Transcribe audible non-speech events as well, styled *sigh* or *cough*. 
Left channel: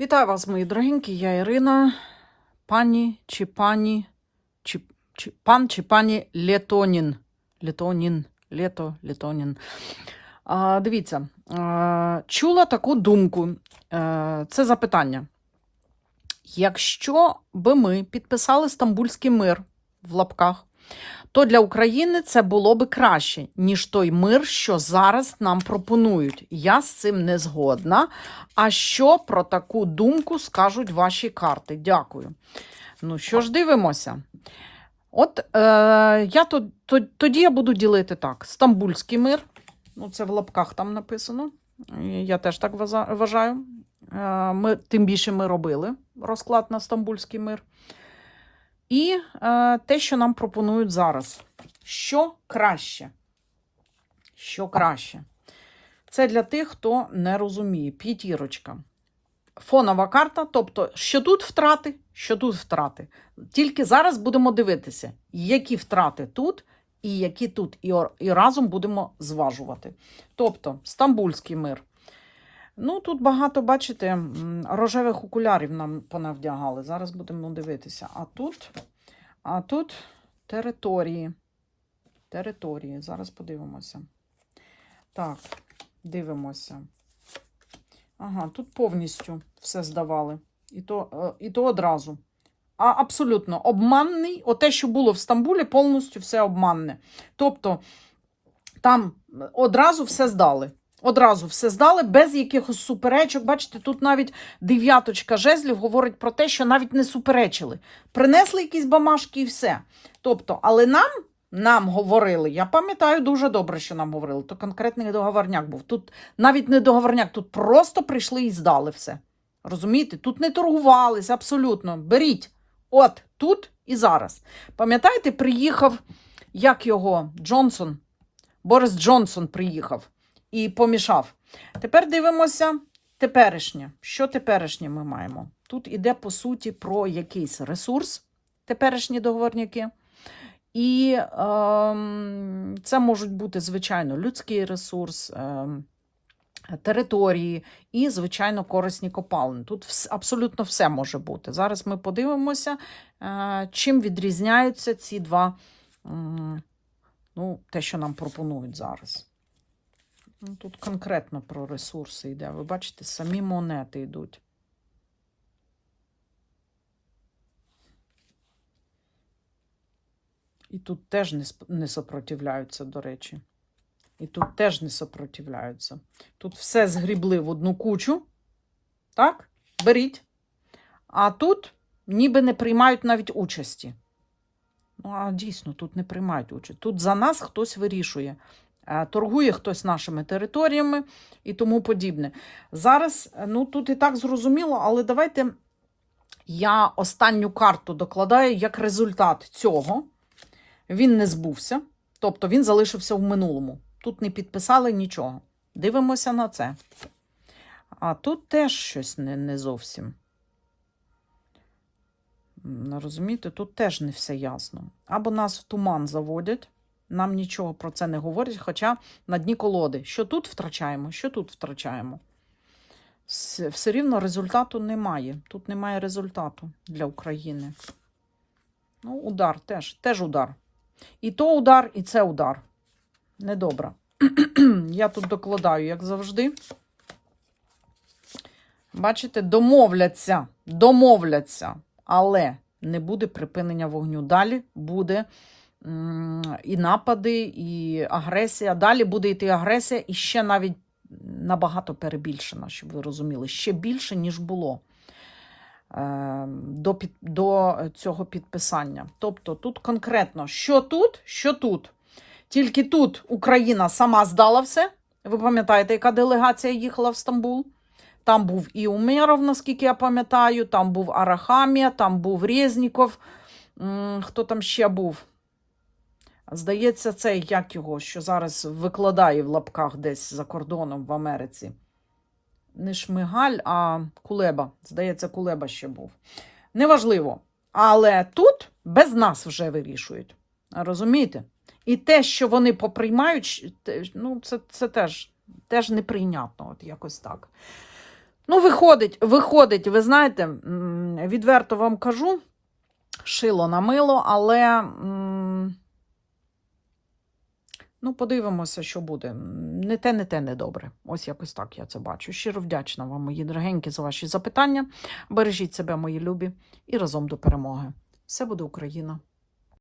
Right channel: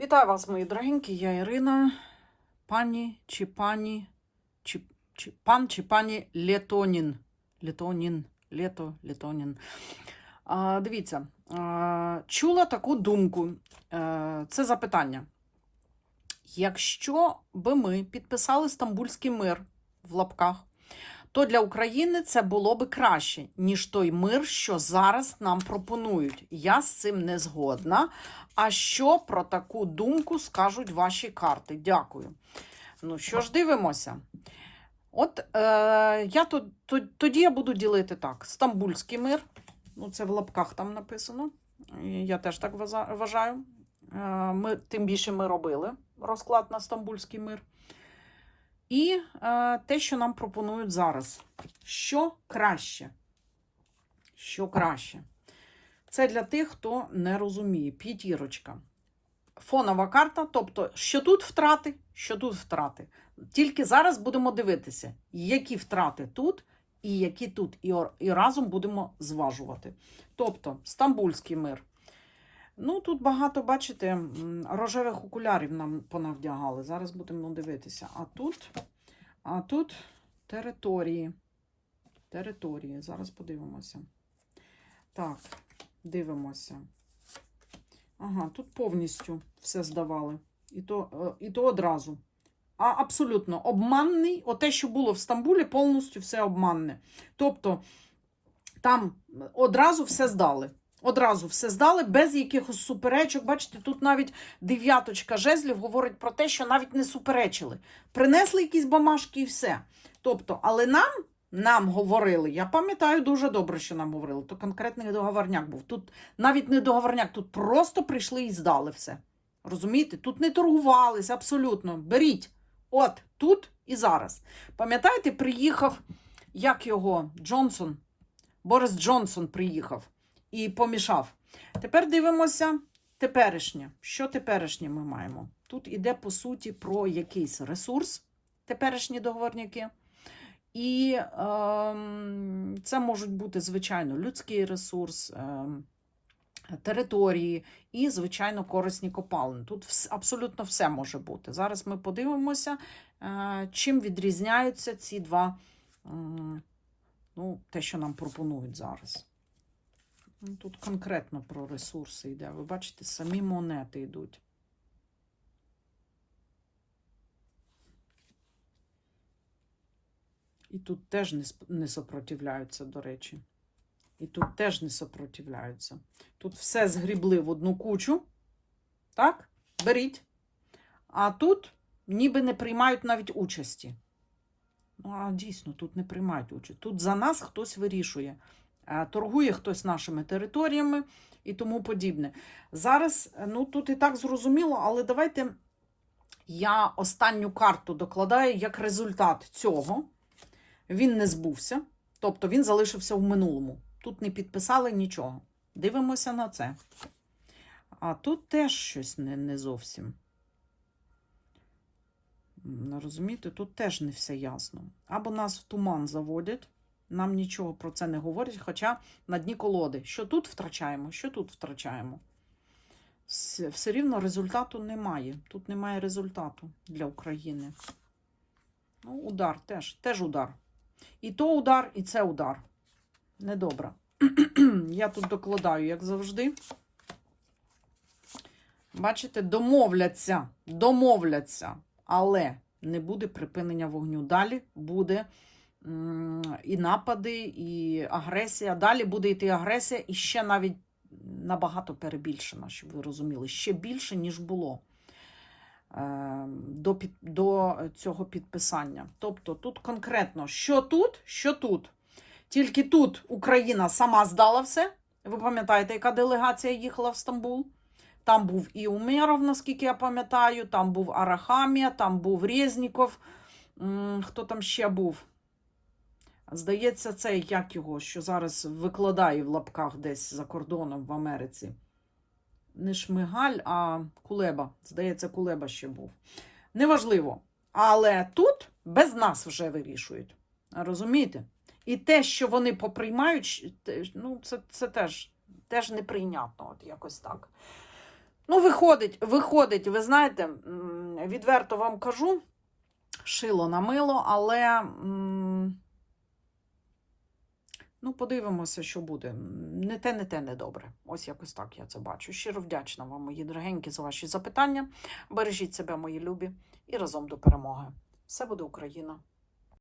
Вітаю вас, мої дорогенькі, я Ірина, пані чи пані, чи, чи пан чи пані Летонін. Летонін, Лето, Летонін. А, дивіться, а, чула таку думку. Е, це запитання. Якщо би ми підписали Стамбульський мир в лапках, то для України це було би краще, ніж той мир, що зараз нам пропонують. Я з цим не згодна. А що про таку думку скажуть ваші карти? Дякую. Ну що ж, дивимося. От е, я то, тоді я буду ділити так: Стамбульський мир. Ну, це в лапках там написано. Я теж так вважаю. Е, Ми, тим більше ми робили розклад на Стамбульський мир. І е, те, що нам пропонують зараз. Що краще? Що краще? Це для тих, хто не розуміє. П'ятірочка. Фонова карта, тобто, що тут втрати, що тут втрати. Тільки зараз будемо дивитися, які втрати тут і які тут. І, і разом будемо зважувати. Тобто, Стамбульський мир. Ну, тут багато, бачите, рожевих окулярів нам понавдягали. Зараз будемо дивитися. А тут, а тут території. Території. Зараз подивимося. Так, дивимося. Ага, тут повністю все здавали. І то, е, і то одразу. А абсолютно обманний. Оте, що було в Стамбулі, повністю все обманне. Тобто там одразу все здали. Одразу все здали без якихось суперечок. Бачите, тут навіть дев'яточка жезлів говорить про те, що навіть не суперечили. Принесли якісь бамашки і все. Тобто, але нам, нам говорили, я пам'ятаю дуже добре, що нам говорили, то конкретний договорняк був. Тут навіть не договорняк, тут просто прийшли і здали все. Розумієте? Тут не торгувалися абсолютно. Беріть. От тут і зараз. Пам'ятаєте, приїхав, як його, Джонсон, Борис Джонсон приїхав і помішав. Тепер дивимося теперішнє. Що теперішнє ми маємо? Тут іде, по суті, про якийсь ресурс, теперішні договорняки. І ем, це можуть бути, звичайно, людський ресурс, ем, території і, звичайно, корисні копалини. Тут вс- абсолютно все може бути. Зараз ми подивимося, е, чим відрізняються ці два, м, ну, те, що нам пропонують зараз. Ну, Тут конкретно про ресурси йде. Ви бачите, самі монети йдуть. І тут теж не, не сопротивляються, до речі. І тут теж не сопротивляються. Тут все згрібли в одну кучу. Так? Беріть. А тут ніби не приймають навіть участі. Ну, а дійсно, тут не приймають участь. Тут за нас хтось вирішує. Е, Торгує хтось нашими територіями і тому подібне. Зараз, е, ну тут і так зрозуміло, але давайте я останню карту докладаю як результат цього. Він не збувся, тобто він залишився в минулому. Тут не підписали нічого. Дивимося на це. А тут теж щось не, не зовсім. Розумієте, тут теж не все ясно. Або нас в туман заводять, нам нічого про це не говорять, хоча на дні колоди. Що тут втрачаємо, що тут втрачаємо. Все рівно результату немає. Тут немає результату для України. Ну, удар теж, теж удар. І то удар, і це удар. Недобре. *clears throat* Я тут докладаю, як завжди. Бачите, домовляться, домовляться, але не буде припинення вогню. Далі буде і напади, і агресія. Далі буде йти агресія, і ще навіть набагато перебільшена, щоб ви розуміли, ще більше, ніж було е, до, під, до цього підписання. Тобто тут конкретно, що тут, що тут. Тільки тут Україна сама здала все. Ви пам'ятаєте, яка делегація їхала в Стамбул? Там був і Умеров, наскільки я пам'ятаю, там був Арахамія, там був Резніков. Хто там ще був? Здається, цей як його, що зараз викладає в лапках десь за кордоном в Америці. Не Шмигаль, а Кулеба. Здається, Кулеба ще був. Неважливо. Але тут без нас вже вирішують. Розумієте? І те, що вони поприймають, ну, це, це теж, теж неприйнятно, от якось так. Ну, виходить, виходить, ви знаєте, відверто вам кажу, шило на мило, але ну, подивимося, що буде. Не те, не те, не добре. Ось якось так я це бачу. Щиро вдячна вам, мої дорогенькі, за ваші запитання. Бережіть себе, мої любі, і разом до перемоги. Все буде Україна!